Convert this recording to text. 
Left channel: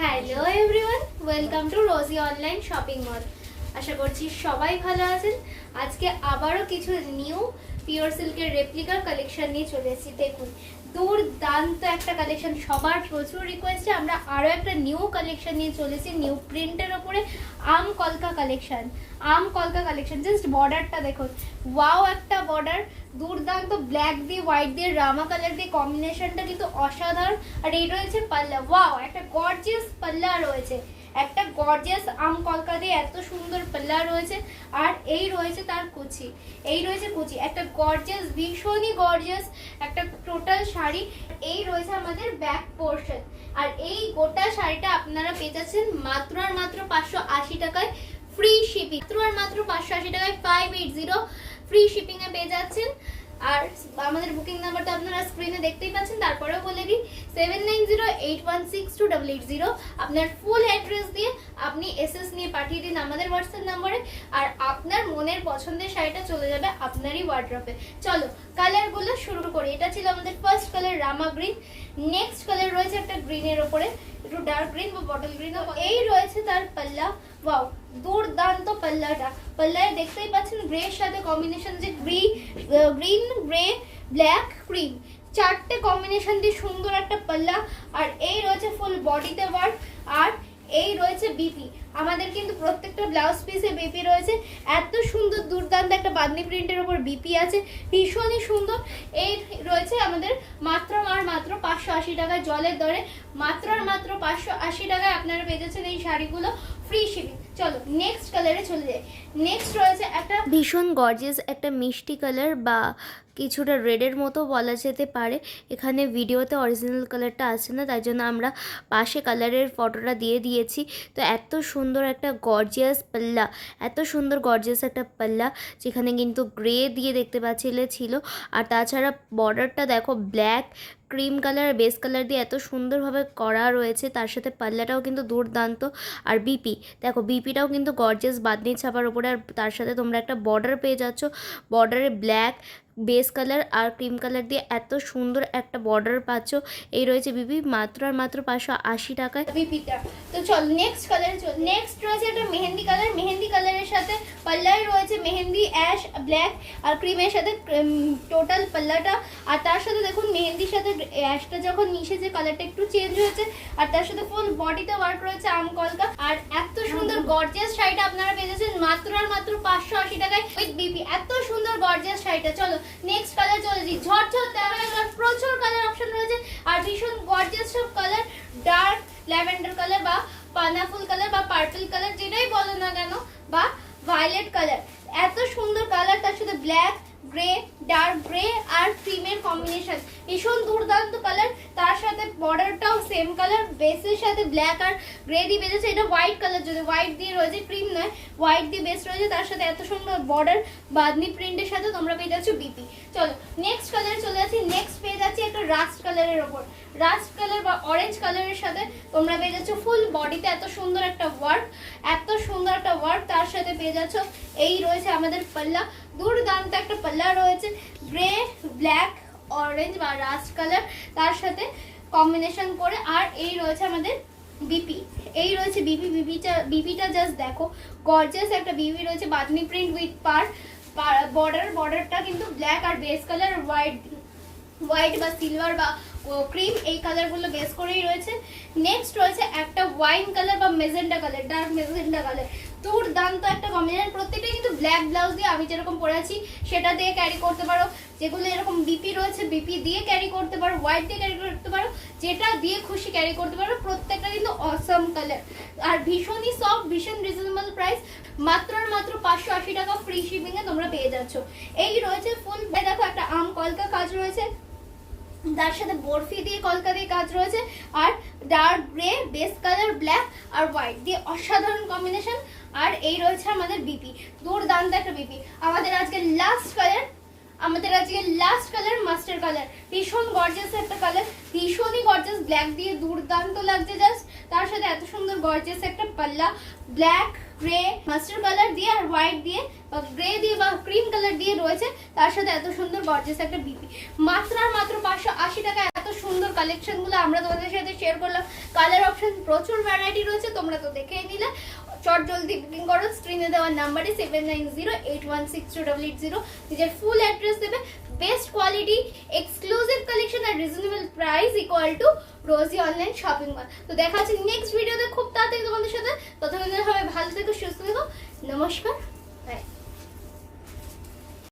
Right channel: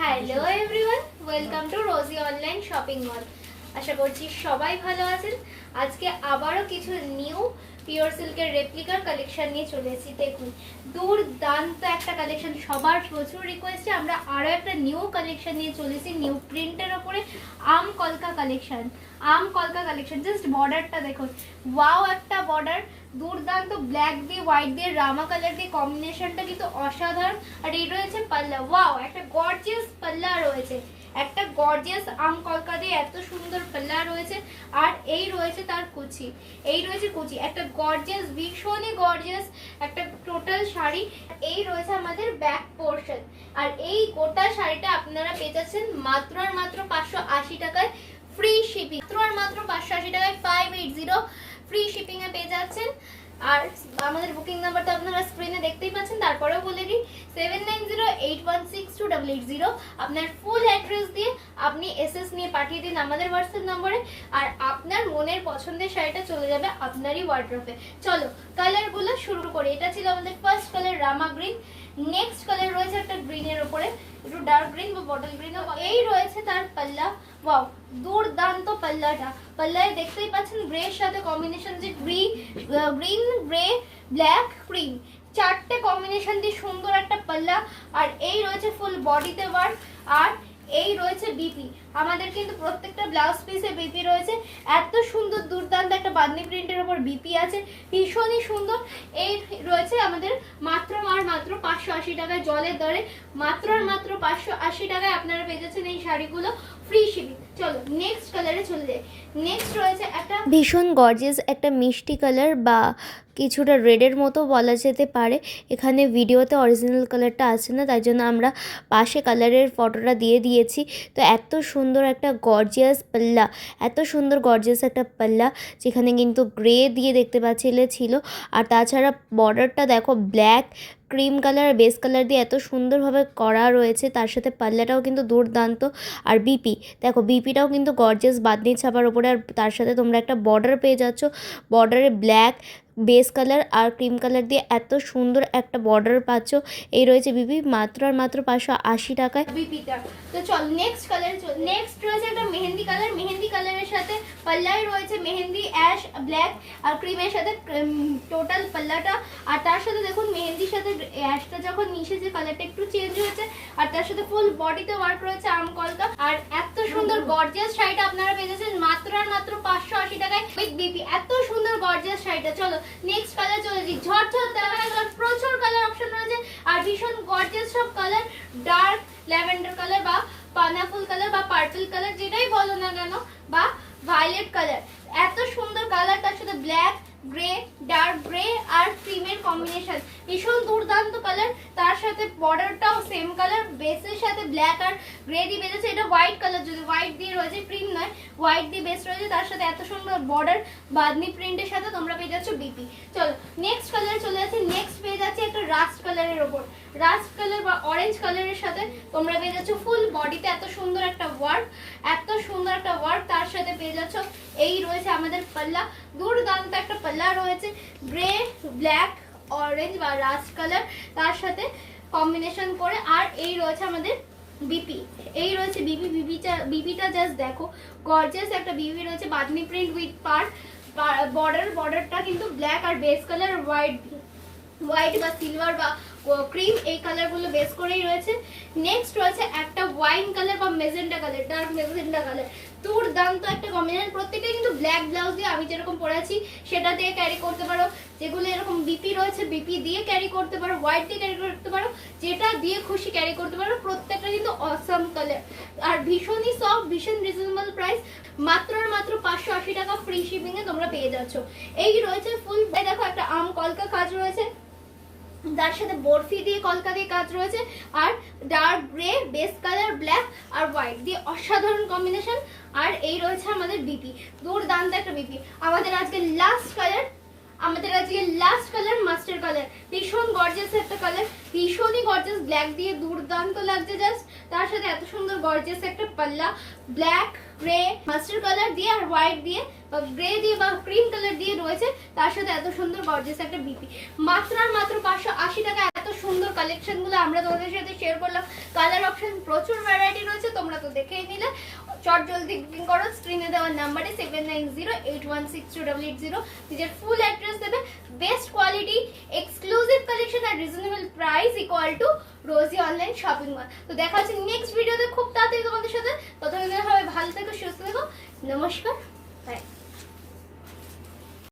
Hello everyone, welcome to Rosie online shopping mall. আশা করছি সবাই ভালো আছেন। আজকে আবারও কিছু নিউ পিওর সিল্কের রেপ্লিকার কালেকশন নিয়ে চলে এসেছি। দেখুন, দুর্দান্ত একটা কালেকশন, সবার প্রচুর রিকোয়েস্টে আমরা আরও একটা নিউ কালেকশন নিয়ে চলে এসেছি। নিউ প্রিন্টের ওপরে আম কলকা কালেকশন। জাস্ট বর্ডারটা দেখুন, ওয়াও একটা বর্ডার, দুর্দান্ত ব্ল্যাক দিয়ে হোয়াইট দিয়ে রামা কালার দিয়ে কম্বিনেশনটা কিন্তু অসাধারণ। আর এই রয়েছে পাল্লা, ওয়াও একটা গর্জিয়াস পাল্লা রয়েছে, একটা গর্জিয়াস আম কলকা দিয়ে এত সুন্দর পাল্লা রয়েছে। আর এই রয়েছে তার কুচি, একটা গর্জিয়াস, ভীষণই গর্জিয়াস একটা টোটাল শাড়ি। এই রয়েছে আমাদের ব্যাক পোর্শন। আর এই গোটা শাড়িটা আপনারা পেয়ে যাচ্ছেন মাত্র আর মাত্র 580 টাকায় ফ্রি শিপিং। মাত্র 580 টাকায় 580 ফ্রি শিপিং এ পেয়ে যাচ্ছেন। আর আমাদের বুকিং নাম্বারটা আপনারা স্ক্রিনে দেখতেই পাচ্ছেন। তারপরেও বলে দিই 7908162880। আপনার ফুল অ্যাড্রেস দিয়ে আপনি এসএস নিয়ে পাঠিয়ে দিন আমাদের হোয়াটসঅ্যাপ নম্বরে, আর আপনার মনের পছন্দের শাড়িটা চলে যাবে আপনারই ওয়ার্ড্রপে। চলো কালারগুলো শুরু করি। এটা ছিল আমাদের ফার্স্ট কালার রামা গ্রিন। নেক্সট কালার রয়েছে একটা গ্রিনের ওপরে, একটু ডার্ক গ্রিন বা বটল গ্রিন। এই রয়েছে তার পাল্লা, ওয়াও দুর্দান্ত পাল্লাটা। পাল্লায় দেখতেই পাচ্ছেন গ্রের সাথে কম্বিনেশন, যে গ্রিন গ্রে ব্ল্যাক ক্রিম, চারটে কম্বিনেশন দিয়ে সুন্দর একটা পাল্লা। আর এই রয়েছে ফুল বডিতে ওয়ার্ক। আর এই রয়েছে বিপি, আমাদের কিন্তু প্রত্যেকটা ব্লাউজ পিসে বিপি রয়েছে। এত সুন্দর দুর্দান্ত একটা বাঁধনি প্রিন্টের উপর বিপি আছে, ভীষণই সুন্দর। এই রয়েছে আমাদের মাত্র 580 টাকায়, জলের দরে মাত্র আর মাত্র 580 টাকায় আপনারা পেয়ে যাচ্ছেন এই শাড়িগুলো ফ্রি শিপিং। চলো নেক্সট কালারে চলে যাই। নেক্সট রয়েছে একটা ভীষণ গর্জিয়াস একটা মিষ্টি কালার বা কিছুটা রেডের মতো বলা যেতে পারে। এখানে ভিডিওতে অরিজিনাল কালারটা আছে না, তাই জন্য আমরা পাশে কালারের ফটোটা দিয়ে দিয়েছি। তো এত সুন্দর একটা গর্জিয়াস পাল্লা, একটা পাল্লা, যেখানে কিন্তু গ্রে দিয়ে দেখতে পাচ্ছিলে ছিল। আর তাছাড়া বর্ডারটা দেখো black cream colour base colour দিয়ে এত সুন্দরভাবে করা রয়েছে। তার সাথে পাল্লাটাও কিন্তু দুর্দান্ত। আর বিপি দেখো, বিপিটাও কিন্তু গর্জিয়াস বাঁধনি ছাপার ওপরে। আর তার সাথে তোমরা একটা বর্ডার পেয়ে যাচ্ছ, বর্ডারে ব্ল্যাক বেস কালার আর ক্রিম কালার দিয়ে এত সুন্দর একটা বর্ডার পাচ্ছ। এই রয়েছে বিপি মাত্র আর মাত্র 580 টাকায় বিপিটা। তো চল নেক্সট কালারে চল। নেক্সট রয়েছে একটা মেহেন্দি কালার। মেহেন্দি কালারের সাথে পাল্লায় রয়েছে মেহেন্দি অ্যাশ ব্ল্যাক আর ক্রিমের সাথে টোটাল পাল্লাটা। আর তার সাথে দেখুন মেহেন্দির সাথে অ্যাশটা যখন মিশেছে কালারটা একটু চেঞ্জ হয়েছে। আর তার সাথে ফুল বডিতে ওয়ার্ক রয়েছে আম কলকা। আর এত সুন্দর গর্জিয়াস শাড়িটা আপনারা পেয়ে যাচ্ছেন মাত্র আর মাত্র 580 টাকায় উইথ বিপি। এত সুন্দর গর্জিয়াস শাড়িটা। চলো নেক্সট কালার চলে যাই। ঝরঝর তেমন প্রচুর কালার অপশন রয়েছে আর ভীষণ গর্জিয়াস সব কালার। ডার্ক ল্যাভেন্ডার কালার বা পাইনাপল কালার বা পার্পল কালার, যেটাই বলো না কেন, বা ভায়োলেট কালার, এত সুন্দর কালার। তার সাথে ব্ল্যাক গ্রে, ডার্ক গ্রে আর ক্রিমের কম্বিনেশন, ভীষণ দুর্দান্ত কালার। তার সাথে বর্ডারটাও সেম কালার, বেসের সাথে ব্ল্যাক আর গ্রে দিয়ে বেজেছে। এটা হোয়াইট কালার, যদি হোয়াইট দিয়ে রয়েছে, ক্রিম নয়, হোয়াইট দিয়ে বেস রয়েছে। তার সাথে এত সুন্দর বর্ডার বাঁধনি প্রিন্টের সাথে তোমরা পেয়ে যাচ্ছ বিপি। চলো নেক্সট কালারে চলে যাচ্ছি। নেক্সট পেয়ে যাচ্ছি একটা রাস্ট কালারের ওপর, রাস্ট কালার বা অরেঞ্জ কালারের সাথে তোমরা পেয়ে যাচ্ছ ফুল বডিতে এত সুন্দর একটা ওয়ার্ক, তার সাথে পেয়ে যাচ্ছ এই রয়েছে আমাদের পাল্লা, দুর্দান্ত একটা পাল্লা রয়েছে, গ্রে ব্ল্যাক অরেঞ্জ বা রাস্ট কালার তার সাথে কম্বিনেশন করে। আর এই রয়েছে আমাদের বিপি, এই রয়েছে বিপিটা জাস্ট দেখো, গর্জিয়াস একটা বিপি রয়েছে, বাঁধনি প্রিন্ট উইথ বর্ডারটা কিন্তু ব্ল্যাক আর বেস কালার হোয়াইট বা সিলভার বা ক্রিম, এই কালারগুলো বেস করেই রয়েছে। নেক্সট রয়েছে একটা ওয়াইন কালার বা magenta colour, dark magenta colour, দুর্দান্ত একটা কম্বিনেশন। প্রত্যেকটা কিন্তু ব্ল্যাক ব্লাউজ দিয়ে, আমি যেরকম পরেছি সেটা দিয়ে ক্যারি করতে পারো। যেগুলো এরকম বিপি রয়েছে বিপি দিয়ে ক্যারি করতে পারো, হোয়াইট দিয়ে ক্যারি করতে পারো, যেটা দিয়ে খুশি ক্যারি করতে পারো। প্রত্যেকটা কিন্তু অসাম কালার আর ভীষণই সফট, ভীষণ রিজনেবল প্রাইস, মাত্র আর মাত্র 580 টাকা ফ্রি শিপিং এ তোমরা পেয়ে যাচ্ছ। এই রয়েছে ফুল, দেখো একটা আম কলকা কাজ রয়েছে, তার সাথে বরফি দিয়ে কলকা দিয়ে কাজ রয়েছে। আর dark grey base colour black আর হোয়াইট দিয়ে অসাধারণ কম্বিনেশন। আর এই রয়েছে আমাদের বিপি, দুর্দান্ত একটা বিপি। আমাদের আজকে লাস্ট কালার মাস্টার কালার, ভীষণ গর্জিয়াস একটা কালার, ভীষণই গর্জিয়াস, ব্ল্যাক দিয়ে দুর্দান্ত লাগছে জাস্ট। তার সাথে এত সুন্দর গর্জিয়াস একটা পাল্লা, ব্ল্যাক গ্রে মাস্টার কালার দিয়ে আর হোয়াইট দিয়ে বা গ্রে দিয়ে বা ক্রিম কালার দিয়ে রয়েছে। তার সাথে এত সুন্দর গর্জিয়াস একটা বিপি, মাত্র আর মাত্র 580 টাকা। এত সুন্দর কালেকশন গুলো আমরা তোমাদের সাথে শেয়ার করলাম। কালার অপশন কালেকশন প্রচুর ভ্যারাইটি রয়েছে, তোমরা তো দেখেই নিলে। চট জলদি বুকিং করো স্ক্রিনে দেওয়ার নাম্বারে 7908162880, নিজের ফুল অ্যাড্রেস দেবে। বেস্ট কোয়ালিটি, এক্সক্লুসিভ কালেকশন আর reasonable price equal to Rosie online shopping mall. তো দেখা হচ্ছে নেক্সট ভিডিওতে খুব তাড়াতাড়ি তোমাদের সাথে। ততক্ষণ হবে ভালো থেকো, সুস্থ থেকো, নমস্কার।